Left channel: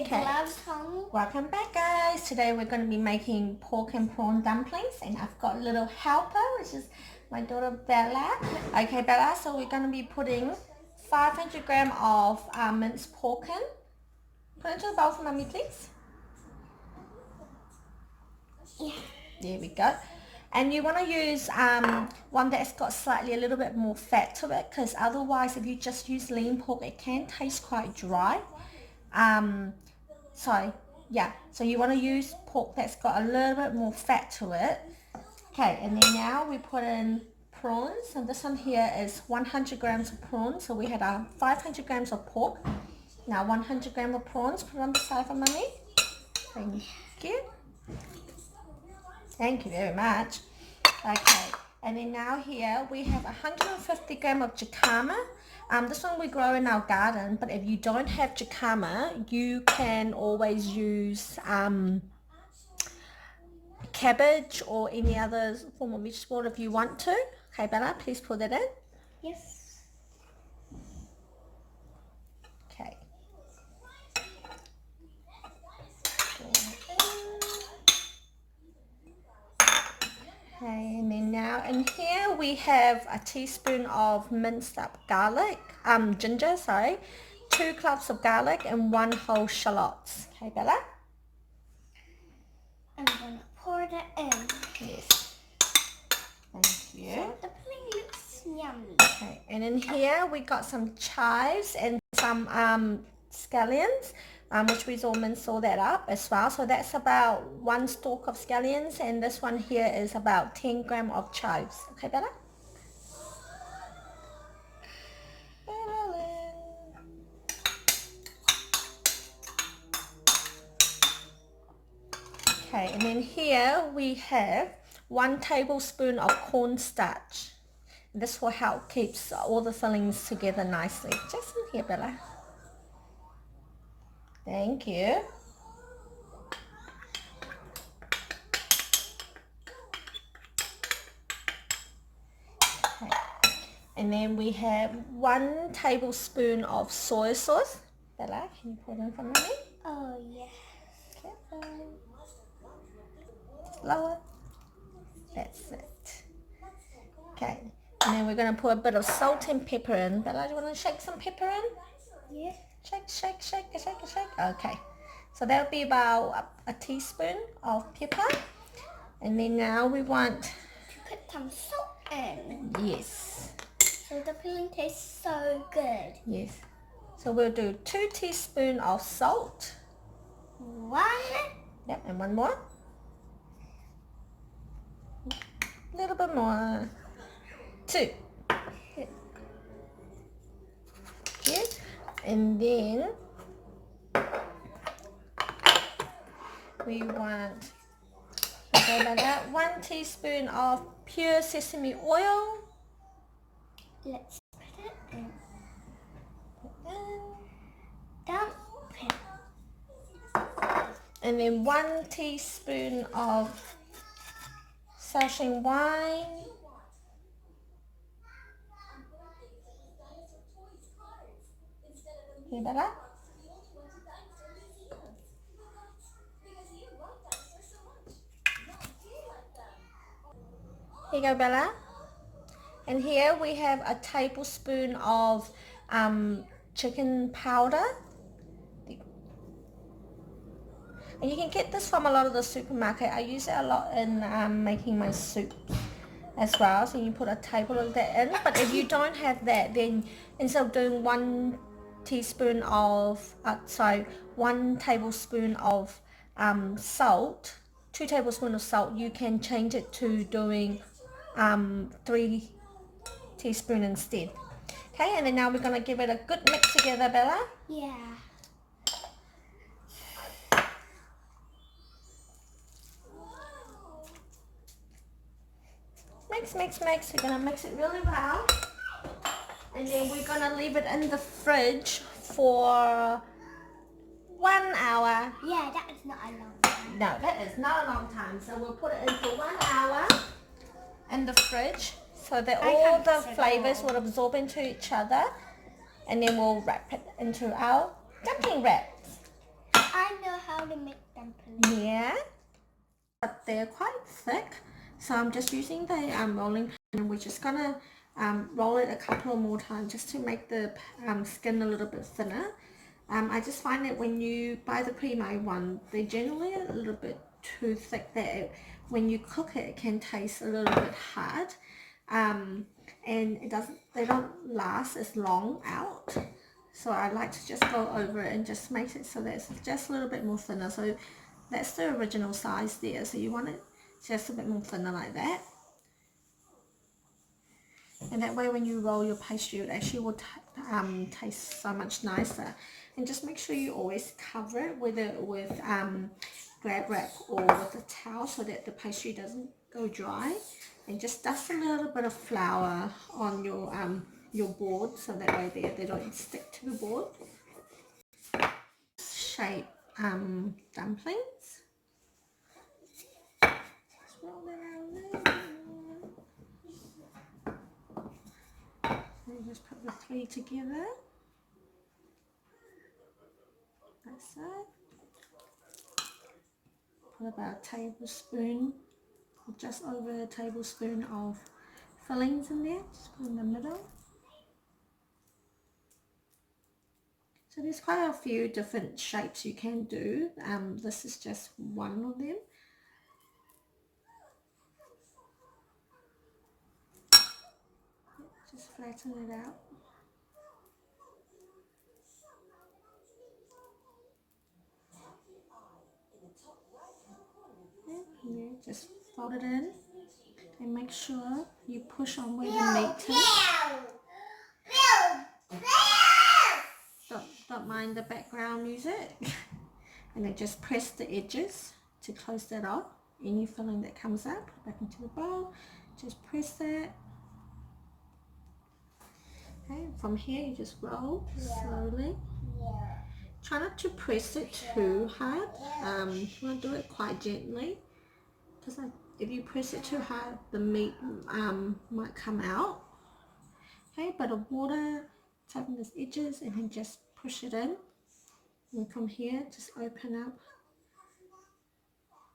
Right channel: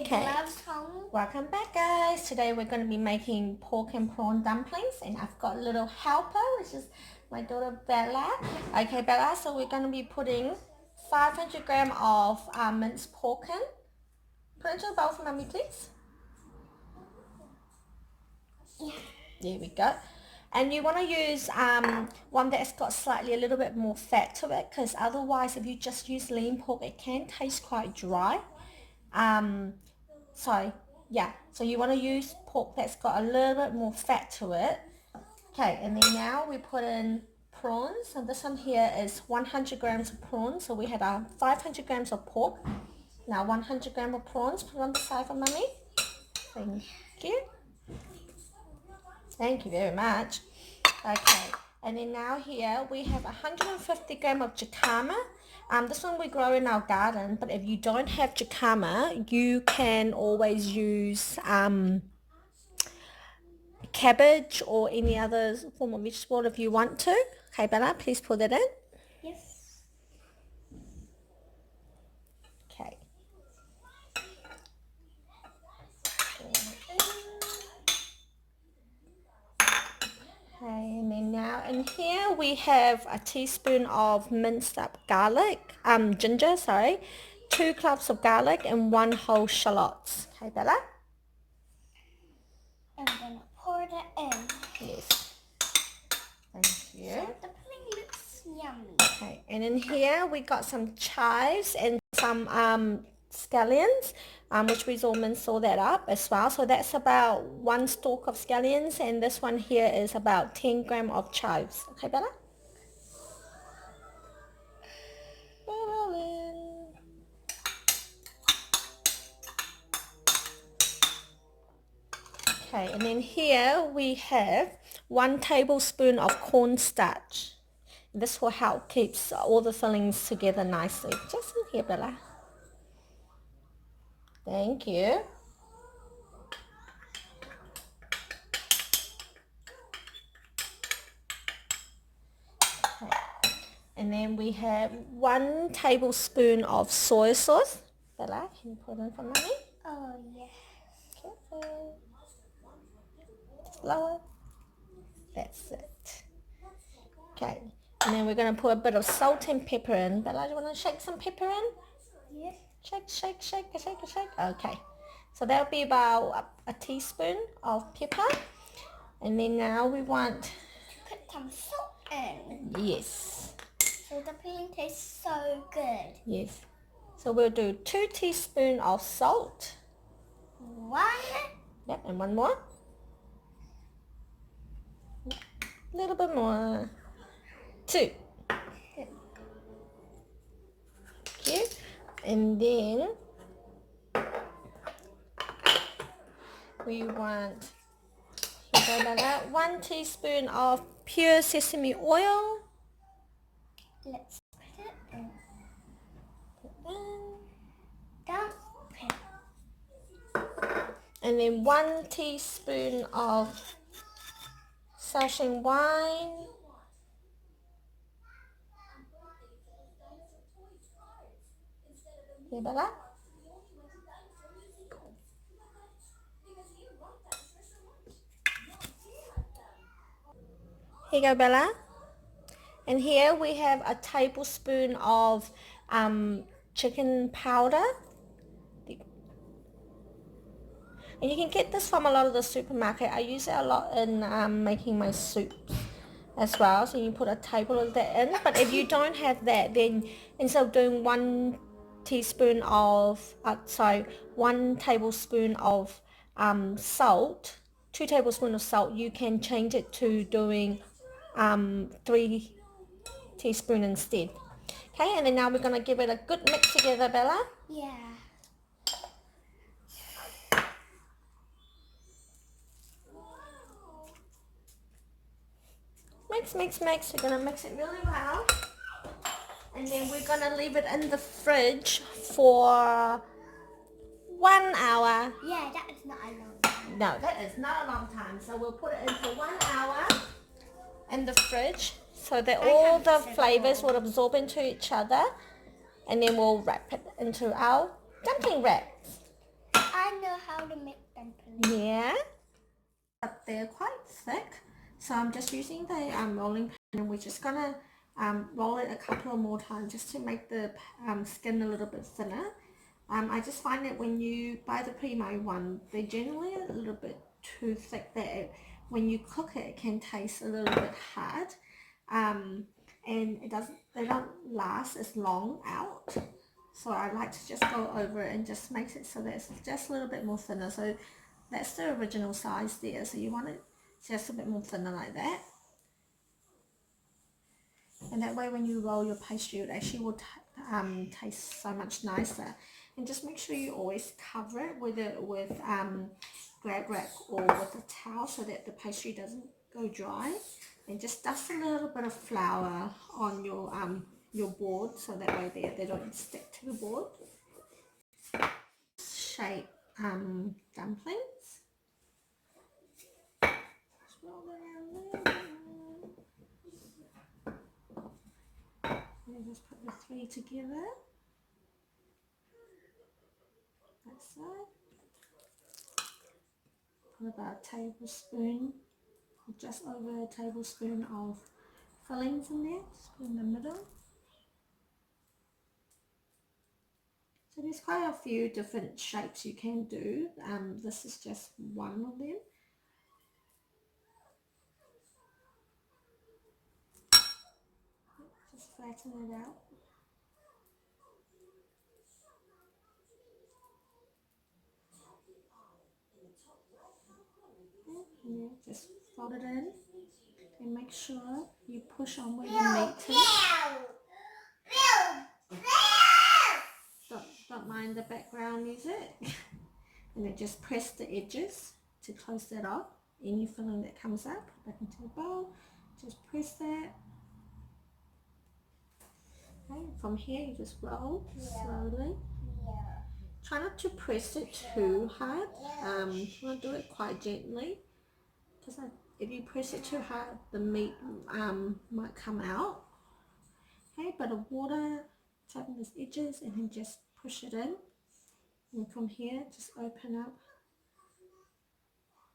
get gloves home. Welcome back, guys. Today we're going to be making pork and prawn dumplings, and I've got a little helper, which is my daughter Bella. Okay, Bella, so we're going to be putting 500 grams of minced pork in. Put it into the bowl for Mummy, please. Yeah. There we go. And you want to use one that's got slightly a little bit more fat to it, because otherwise if you just use lean pork, it can taste quite dry. So you want to use pork that's got a little bit more fat to it. Okay, and then now we put in prawns, and this one here is 100 grams of prawns. So we had 500 grams of pork. Now 100 grams of prawns. Put it on the side for Mummy. Thank you. Thank you very much. Okay, and then now here we have 150 grams of jicama. This one we grow in our garden, but if you don't have jicama, you can always use cabbage or any other form of vegetable if you want to. Okay, Bella, please pour that in. Yes. Okay. Okay, and then now in here we have a teaspoon of minced up ginger, 2 cloves of garlic and 1 whole shallot. Okay, Bella? I'm gonna pour that in. Yes. Thank you. So the pudding looks yummy. Okay, and in here we got some chives and some scallions, which we all minced all that up as well. So that's about 1 stalk of scallions, and this one here is about 10 grams of chives. Okay, Bella? Okay, and then here we have 1 tablespoon of cornstarch. This will help keep all the fillings together nicely. Just in here, Bella. Thank you. Okay. And then we have 1 tablespoon of soy sauce. Bella, can you put it in for Mummy? Oh, yeah. Careful. Slower. That's it. Okay. And then we're going to put a bit of salt and pepper in. Bella, do you want to shake some pepper in? Yeah. Shake, shake, shake, shake, shake. Okay. So that'll be about a teaspoon of pepper. And then now we want to put some salt in. Yes. So the pudding tastes so good. Yes. So we'll do 2 teaspoons of salt. 1. Yep, and 1 more. A little bit more. 2. Okay. And then we want 1 teaspoon of pure sesame oil. Let's put it in. Dumpling. And then 1 teaspoon of shaoxing wine. Okay, Bella? Here you go, Bella. And here we have a tablespoon of chicken powder. And you can get this from a lot of the supermarket. I use it a lot in making my soups as well. So you put a table of that in. But if you don't have that, then instead of doing 1 teaspoon of, 1 tablespoon of salt, 2 tablespoons of salt, you can change it to doing 3 teaspoons instead. Okay, and then now we're going to give it a good mix together, Bella. Yeah. Mix. We're going to mix it really well. And then we're going to leave it in the fridge for 1 hour. Yeah, that is not a long time. No, that is not a long time. So we'll put it in for 1 hour in the fridge so that all the flavors will absorb into each other. And then we'll wrap it into our dumpling wraps. dumplings. Yeah, but they're quite thick, so I'm just using the rolling pin, and we're just gonna roll it a couple more times just to make the skin a little bit thinner. I just find that when you buy the pre-made one, they're generally a little bit too thick, that when you cook it, it can taste a little bit hard, and they don't last as long out. So I like to just go over it and just make it so that it's just a little bit more thinner. So that's the original size there. So you want it just a bit more thinner like that. And that way when you roll your pastry, it actually will taste so much nicer. And just make sure you always cover it, whether with grab rack or with a towel, so that the pastry doesn't go dry. And just dust a little bit of flour on your board, so that way they don't stick to the board. Shape dumplings. Just roll that out a little bit. And just put the three together. That's it. Put about a tablespoon, just over a tablespoon of fillings in there. Just put in the middle. So there's quite a few different shapes you can do. This is just one of them. Just flatten it out. Yeah, just fold it in and make sure you push on where the meat is. Don't mind the background music. And then just press the edges to close that off. Any filling that comes up, put back into the bowl. Just press that. Okay, from here you just roll slowly. Try not to press it too hard. You want to do it quite gently, because if you press it too hard, the meat might come out. Okay, but the water, tighten the edges, and then just push it in. And from here, just open up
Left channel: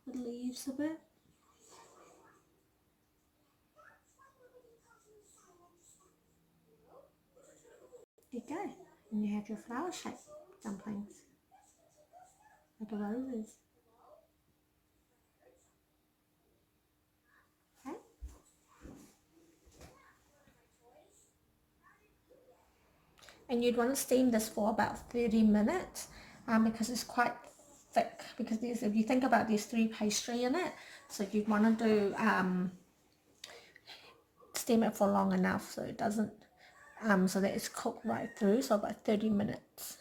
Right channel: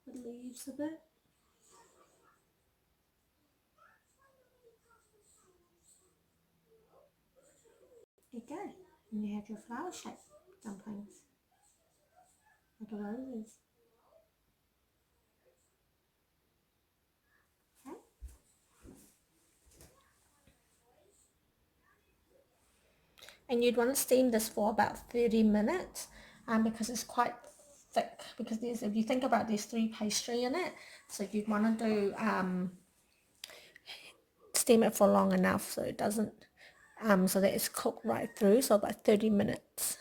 the leaves a bit. There you go. And you have your flower shaped dumplings, like roses. Okay. And you'd want to steam this for about 30 minutes because it's quite thick, because if you think about, there's 3 pastry in it, so you'd want to do steam it for long enough so it doesn't so that it's cooked right through, so about 30 minutes.